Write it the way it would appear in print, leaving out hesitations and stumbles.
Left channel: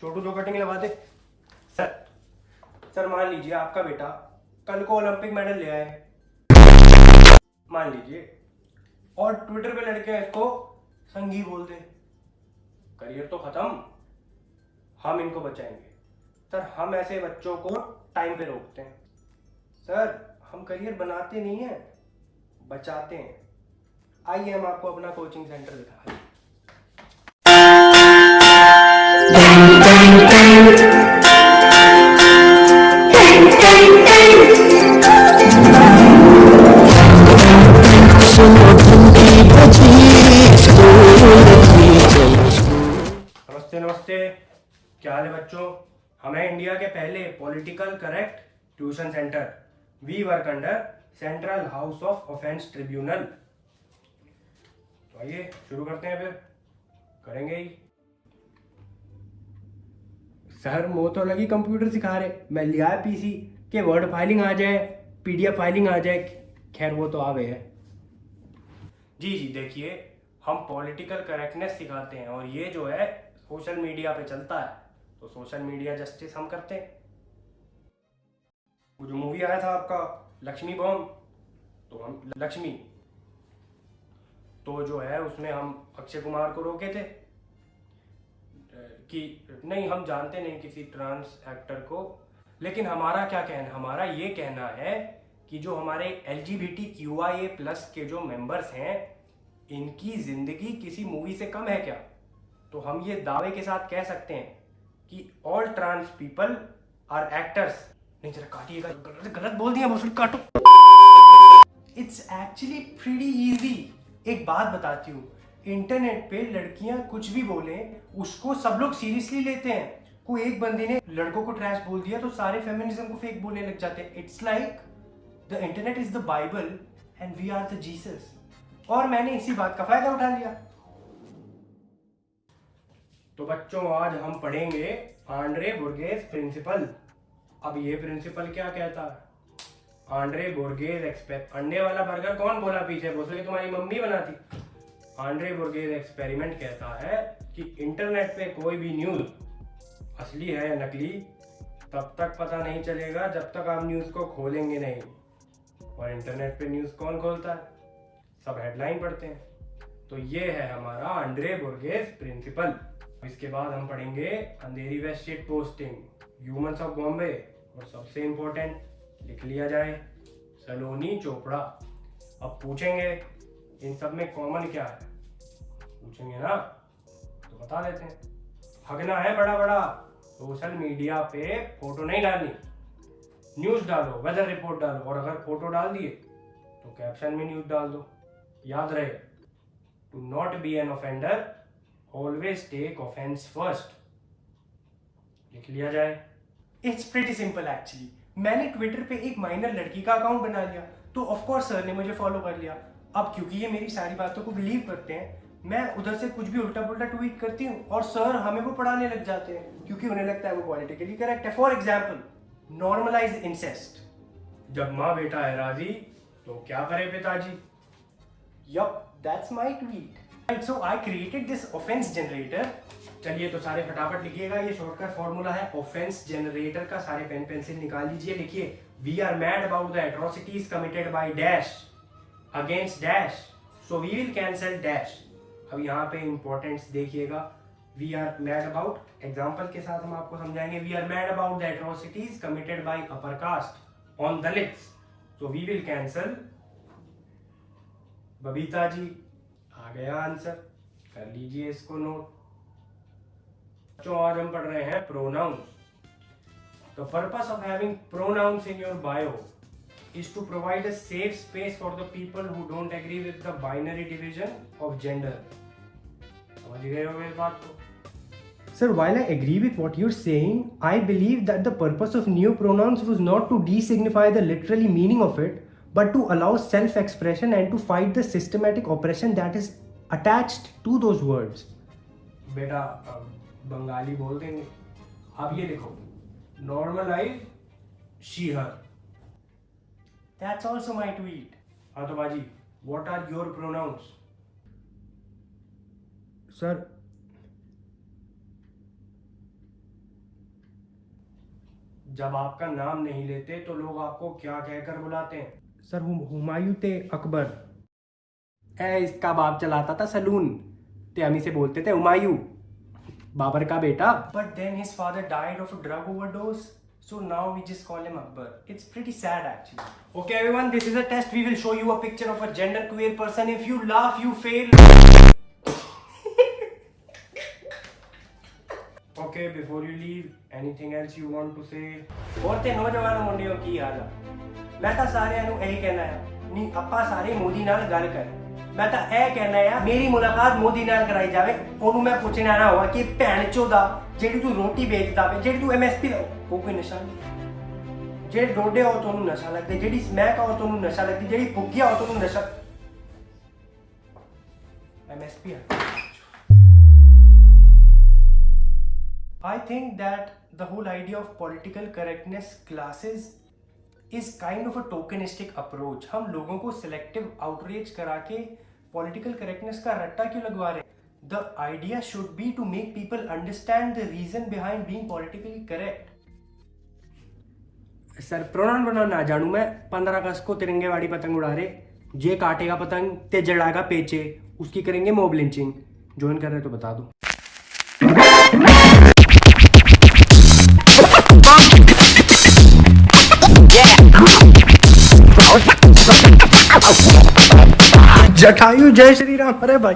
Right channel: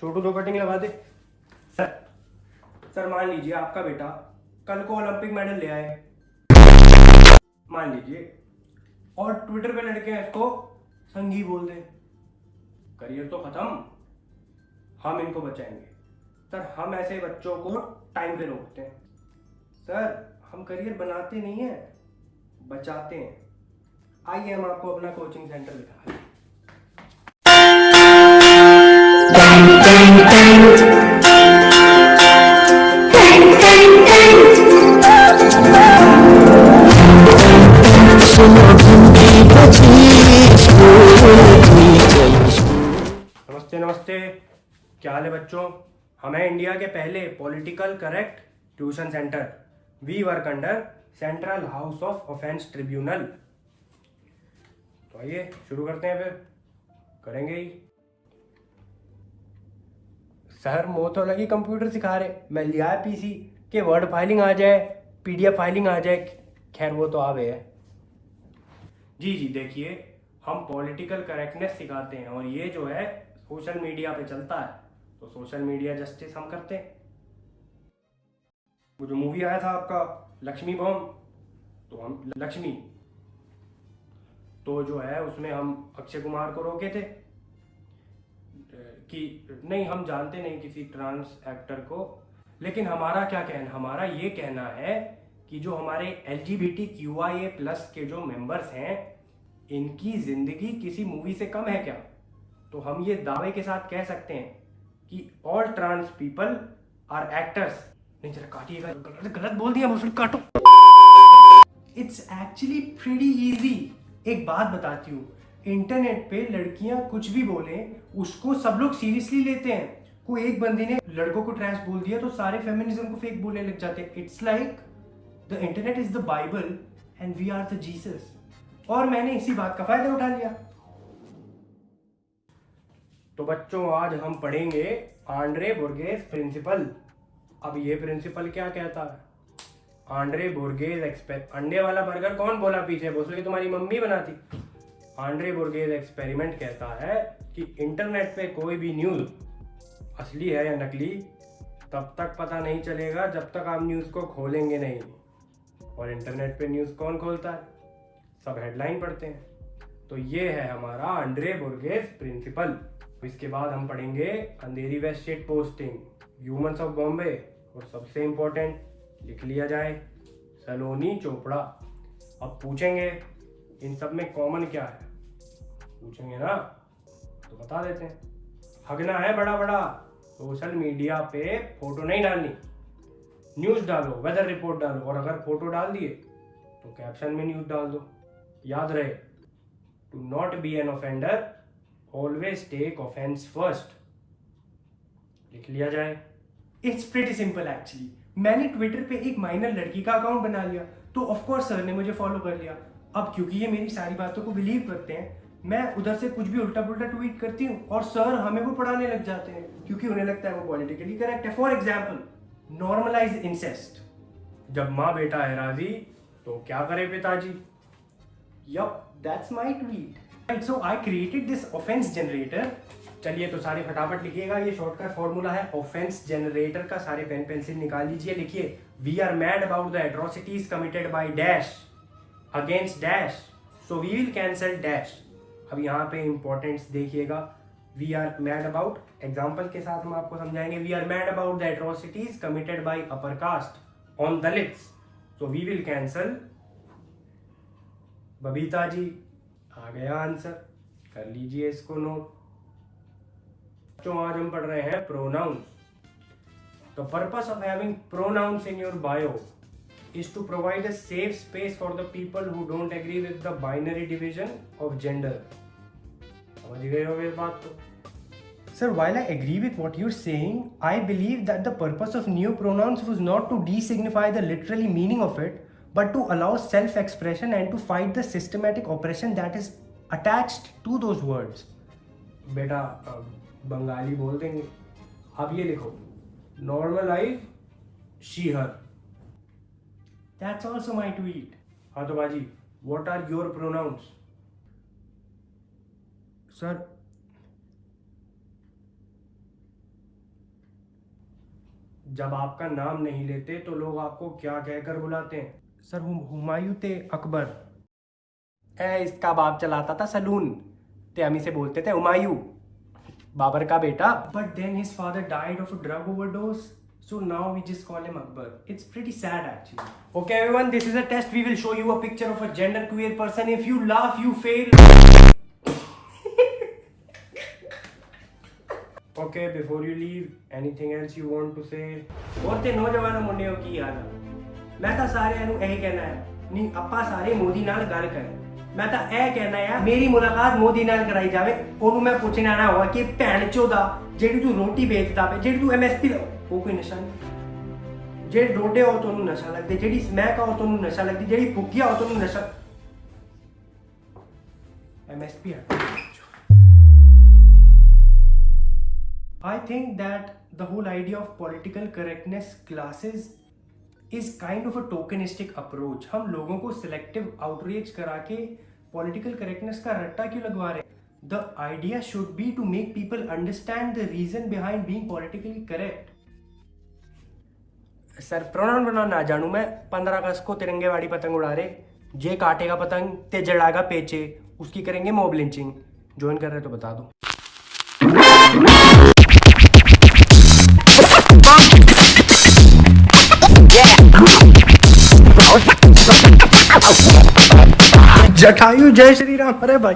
छोटू 2 cutting लगा दे। Sir sir मान लीजिए आपका बेटा कल को ओलंपिक मेडल ले आए, मान लीजिए, और ट्विटर पे लड़के इसको संगी बोल दे, करियर तो खत्म। हम इनको बचाएंगे सर, हम ऐसे बच्चों को टाइम पे रोकते हैं सर। हम करियर बनाते नहीं हैं, बचाते हैं। आइए हम आपको अपना कोचिंग सेंटर दिखाएं। नमस्ते नमस्ते, क्या हाल है बच्चों। हम हैं इंडिया के पहले political correct tuition centre. We work under central house of offence tribunal. तो आइए शुरू करते हैं, फिर करेंगे ही। सर वो तो लगी कंप्यूटर सिखा रहे, मैं लिया है पीसी के वर्ड फाइलिंग आ जाए, पीडीएफ फाइलिंग आ जाए। खैर वो तो आवे है। जी देखिए, हम पॉलिटिकल करेक्टनेस सिखाते हैं और ये जो है सोशल मीडिया पे चलता है, तो सोशल मीडिया जस्टिस हम करते हैं। वो जो मूवी आया था आपका लक्ष्मी बॉम्ब, तो हम लक्ष्मी, तो जो है उसमें हम अक्षय कुमार को रोके थे कि नहीं, हम जानते नहीं किसी ट्रांस एक्टर को, लेकिन हमारा क्या कहना, हमारा ये कहना है कि जो हमारे LGBTQIA+ के जो मेंबर्स हैं, इनकी जिंदगी किसी मूवी से कम है क्या। तो हम ये दावे के साथ कह सकते हैं कि all trans people are actors. नहीं जरा काटिएगा, गलत बोल दिया, मुझे काटो। It's actually pretty easy. एक बात बताती हूँ, इंटरनेट पे लड़कियां कुछ भी बोले उसको सब लोग सीरियसली लेते हैं। कोई एक बंदी ने लड़कों को ट्रैश बोल दिया तो सारे फेमिनिज्म को फेक बोलने लग जाते हैं। It's like the internet is the Bible and we are the Jesus. और मैंने इसी बात का फायदा उठा लिया। तो बच्चों आज हम पढ़ेंगे आंड्रे बुर्गेस प्रिंसिपल। अब ये प्रिंसिपल क्या कहता है? आंड्रे बुर्गेस अंडे वाला बर्गर कौन बोला पीछे? बोल के तुम्हारी मम्मी बनाती। आंड्रे बुर्गेस एक्सपेरिमेंट कहता है कि इंटरनेट पे कोई भी न्यूज असली है या नकली तब तक पता नहीं चलेगा जब तक आप न्यूज को खोलेंगे नहीं। और इंटरनेट पे न्यूज कौन खोलता है? सब हेडलाइन पढ़ते हैं। तो ये है हमारा आंड्रे बुर्गेस प्रिंसिपल। इसके बाद हम पढ़ेंगे अंधेरी व shit posting, humans of Bombay, और सबसे इंपॉर्टेंट लिख लिया जाए सलोनी चोपड़ा। अब पूछेंगे इन सब में कॉमन क्या है, पूछेंगे ना, तो बता देते हैं। हगना है बड़ा बड़ा, सोशल मीडिया पे फोटो नहीं डालनी, न्यूज डालो, वेदर रिपोर्ट डालो, और अगर फोटो डाल दिए तो कैप्शन में न्यूज डाल दो। याद रहे, to not be an offender always take offence first. लिख लिया जाए। It's pretty simple actually. मैंने ट्विटर पे एक माइनर लड़की का अकाउंट बना लिया, तो ऑफ कोर्स सर ने मुझे फॉलो कर लिया। अब क्योंकि ये मेरी सारी बातों को बिलीव करते हैं, मैं उधर से कुछ भी उल्टा पुल्टा ट्वीट करती हूँ और सर हमें वो पढ़ाने लग जाते हैं, क्योंकि उन्हें लगता है वो पॉलिटिकली करेक्ट है। For example, normalise incest. जब माँ बेटा है राजी तो क्या करे पिताजी। Yup, that's my tweet. Right, so I created this offense generator. चलिए तो सारे फटाफट लिखिएगा, ये शॉर्टकट फॉर्मूला है ऑफेंस जनरेटर का। सारे पेन पेंसिल निकाल लीजिए, लिखिए we are mad about the atrocities committed by dash against dash, so we will cancel dash. अब यहाँ पे इंपॉर्टेंस देखिएगा, we are mad about, example के साथ हम आपको समझाएंगे। We are mad about the atrocities committed by upper caste on Dalits, so we will cancel Babita ji. आ गया आंसर, कर लीजिए इसको नोट। बच्चों आज हम पढ़ रहे हैं pronouns. The purpose of having pronouns in your bio is to provide a safe space for the people who don't agree with the binary division of gender. समझ गए होंगे इस बात को? Sir, while I agree with what you're saying, I believe that the purpose of new pronouns was not to de-signify the literally meaning of it, but to allow self-expression and to fight the systematic oppression that is attached to those words. बेटा बंगाली बोल देंगे। अब ये लिखो, normalize she her. That's also my tweet. हाँ तो बाजी, what are your pronouns? Sir, जब आपका नाम नहीं लेते तो लोग आपको क्या कहकर बुलाते हैं? सर हुमायूं ते अकबर। इसका बाप चलाता था सलून, ते हम इसे बोलते थे हुमायूं, बाबर का बेटा। But then his father died of a drug overdose, so now we just call him Akbar. It's pretty sad actually. Okay everyone, this is a test. We will show you a picture of a gender queer person. If you laugh you fail. Okay, before you leave, anything else you want to say? और ते नौजवानों मुंडियों की हाल है? मैं तो सारे ਨੂੰ ਇਹੀ ਕਹਿਣਾ ਹੈ, ਨਹੀਂ ਆਪਾਂ ਸਾਰੇ ਮੋਦੀ ਨਾਲ ਗੱਲ ਕਰੇ। ਮੈਂ ਤਾਂ ਇਹ ਕਹਿਣਾ ਆ ਮੇਰੀ ਮੁਲਾਕਾਤ ਮੋਦੀ ਨਾਲ ਕਰਾਈ ਜਾਵੇ, ਉਹਨੂੰ ਮੈਂ ਪੁੱਛਣਾ ਨਾ ਹੋਵਾ ਕਿ ਭੈਣ ਚੋਦਾ ਜਿਹੜੀ ਤੂੰ ਰੋਟੀ ਵੇਚਦਾ ਵੇ, ਜਿਹੜੀ ਤੂੰ ਐਮਐਸਪੀ ਉਹ ਕੋਈ ਨਸ਼ਾ ਨਹੀਂ, ਜਿਹੜੇ ਡੋਡੇ ਹੋ ਤੁਹਾਨੂੰ ਨਸ਼ਾ ਲੱਗਦਾ, ਜਿਹੜੀ ਸਮੈਕ ਹੋ ਤੁਹਾਨੂੰ ਨਸ਼ਾ ਲੱਗਦੀ, ਜਿਹੜੀ ਫੁੱਗੀਆ ਹੋ ਤੁਹਾਨੂੰ ਨਸ਼ਾ। MSP I think that the whole idea of political correctness classes is kind of a tokenistic approach. हम लोगों को selective outrage करा के political correctness का रट्टा क्यों लगवा रहे हैं? The idea should be to make people understand the reason behind being politically correct. Sir pronoun ना जानू मैं, 15 अगस्त को तिरंगे वाली पतंग उड़ा रहे, जे काटेगा पतंग ते जड़ागा पेचे, उसकी करेंगे मॉब लिंचिंग। ज्वाइन कर रहे तो बता दो। जटायु जय श्री राम। अरे भाई